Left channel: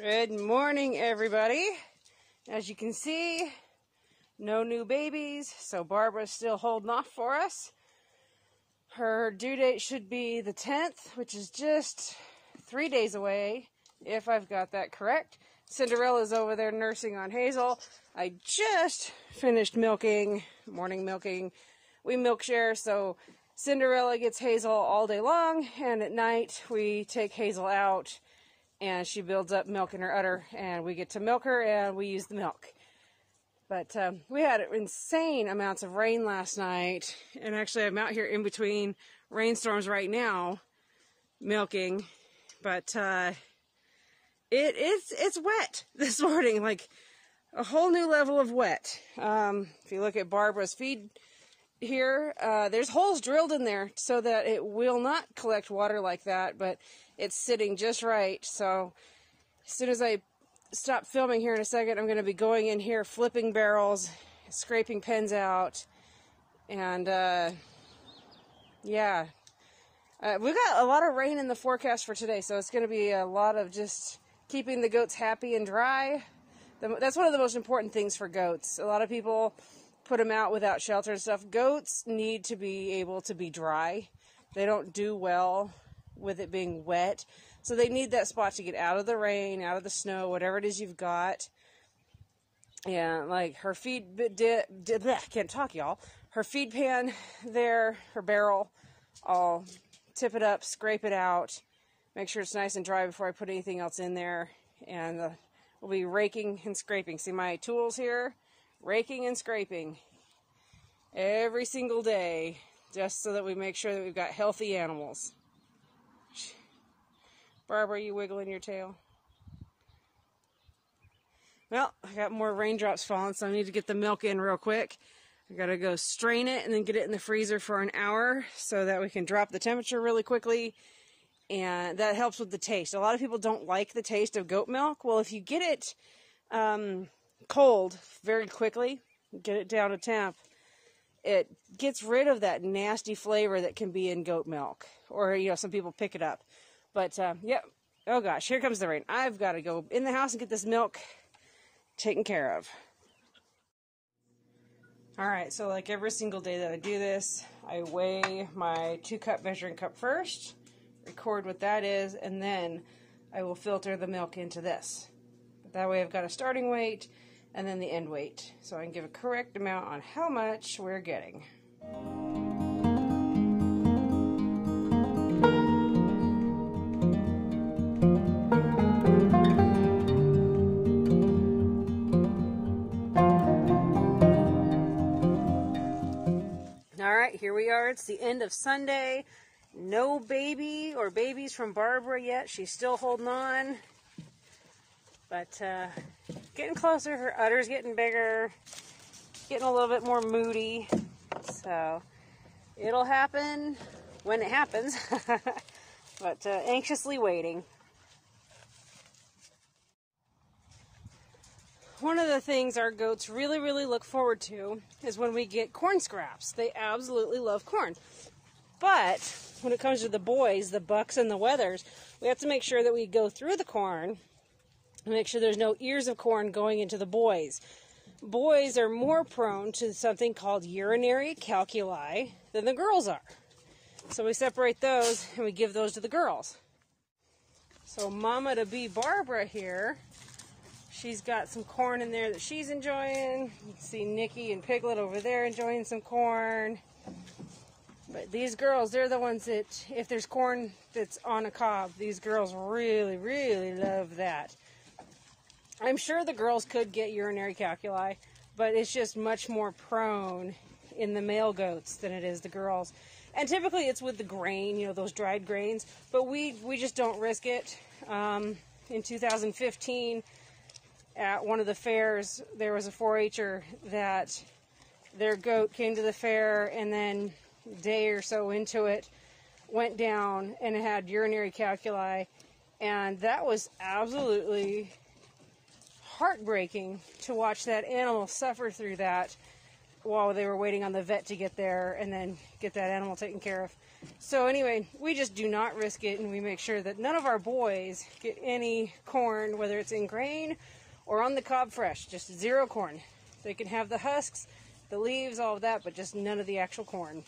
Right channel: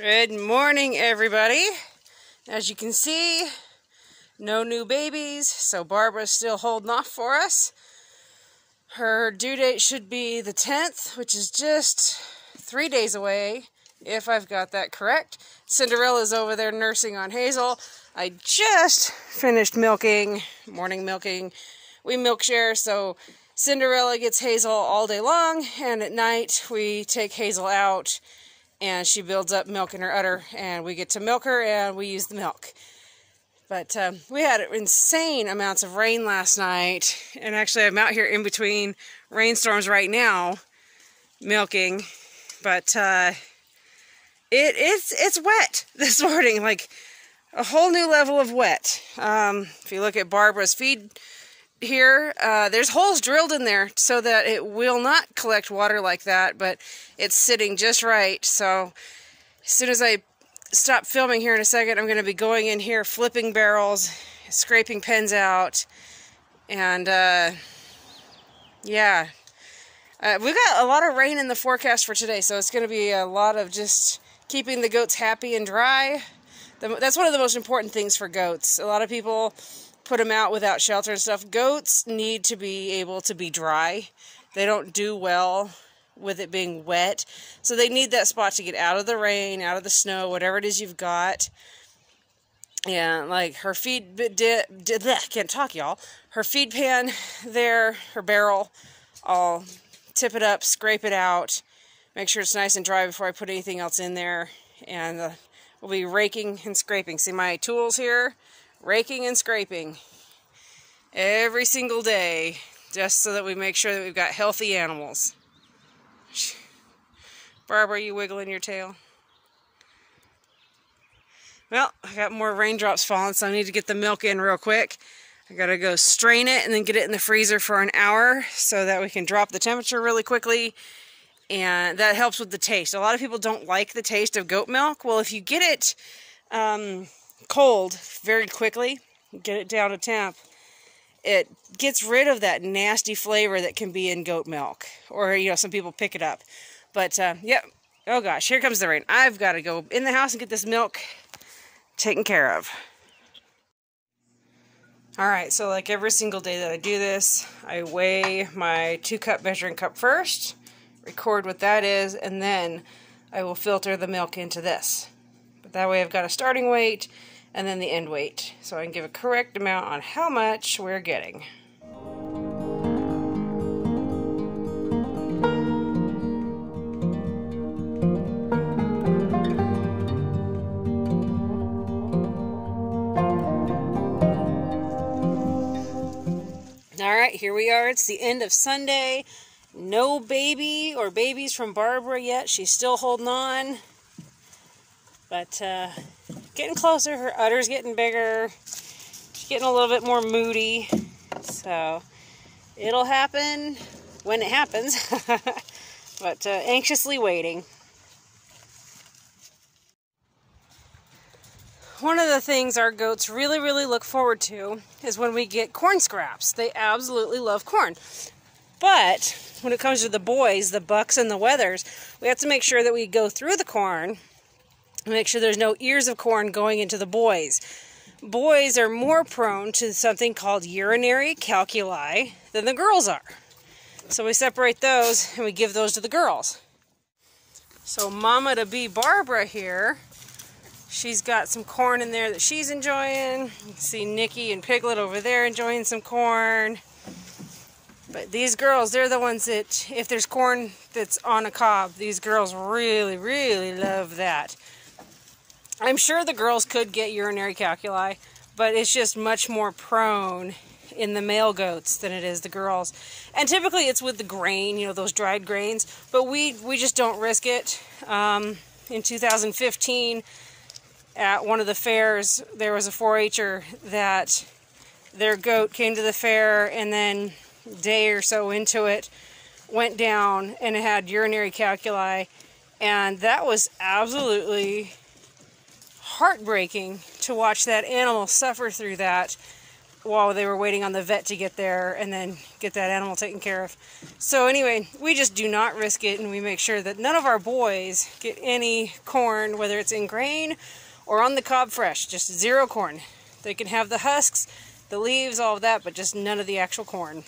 Good morning, everybody. As you can see, no new babies, so Barbara's still holding off for us. Her due date should be the 10th, which is just 3 days away, if I've got that correct. Cinderella's over there nursing on Hazel. I just finished milking, morning milking. We milk share, so Cinderella gets Hazel all day long, and at night we take Hazel out and she builds up milk in her udder, and we get to milk her and we use the milk. But we had insane amounts of rain last night, and actually I'm out here in between rainstorms right now milking, but it's wet this morning, like a whole new level of wet. If you look at Barbara's feed here, there's holes drilled in there so that it will not collect water like that, but it's sitting just right. So as soon as I stop filming here in a second, I'm going to be going in here, flipping barrels, scraping pens out, and yeah, we've got a lot of rain in the forecast for today, so it's going to be a lot of just keeping the goats happy and dry. That's one of the most important things for goats. A lot of people put them out without shelter and stuff. Goats need to be able to be dry. They don't do well with it being wet, so they need that spot to get out of the rain, out of the snow, whatever it is you've got. And like her feed can't talk, y'all. Her feed pan there, her barrel, I'll tip it up, scrape it out, make sure it's nice and dry before I put anything else in there, and we'll be raking and scraping. See my tools here? Raking and scraping every single day, just so that we make sure that we've got healthy animals. Barbara, are you wiggling your tail? Well, I got more raindrops falling, so I need to get the milk in real quick. I gotta go strain it and then get it in the freezer for an hour so that we can drop the temperature really quickly, and that helps with the taste. A lot of people don't like the taste of goat milk. Well, if you get it cold very quickly, get it down to temp, it gets rid of that nasty flavor that can be in goat milk, or some people pick it up. But yep, oh gosh, here comes the rain. I've got to go in the house and get this milk taken care of. Alright, so like every single day that I do this, I weigh my 2-cup measuring cup first, record what that is, and then I will filter the milk into this. But that way I've got a starting weight and then the end weight, so I can give a correct amount on how much we're getting. Alright, here we are. It's the end of Sunday. No baby or babies from Barbara yet. She's still holding on. But getting closer. Her udder's getting bigger. She's getting a little bit more moody. So it'll happen when it happens. But anxiously waiting. One of the things our goats really look forward to is when we get corn scraps. They absolutely love corn. But when it comes to the boys, the bucks and the wethers, we have to make sure that we go through the corn and make sure there's no ears of corn going into the boys. Boys are more prone to something called urinary calculi than the girls are. So we separate those and we give those to the girls. So Mama to be Barbara here, she's got some corn in there that she's enjoying. You can see Nikki and Piglet over there enjoying some corn. But these girls, they're the ones that, if there's corn that's on a cob, these girls really love that. I'm sure the girls could get urinary calculi, but it's just much more prone in the male goats than it is the girls. And typically it's with the grain, those dried grains, but we just don't risk it. In 2015, at one of the fairs, there was a 4-H'er that their goat came to the fair, and then a day or so into it, went down and it had urinary calculi, and that was absolutely heartbreaking to watch that animal suffer through that. while they were waiting on the vet to get there and then get that animal taken care of. So anyway, we just do not risk it, and we make sure that none of our boys get any corn, whether it's in grain or on the cob fresh, just zero corn. They can have the husks, the leaves, all of that, but just none of the actual corn.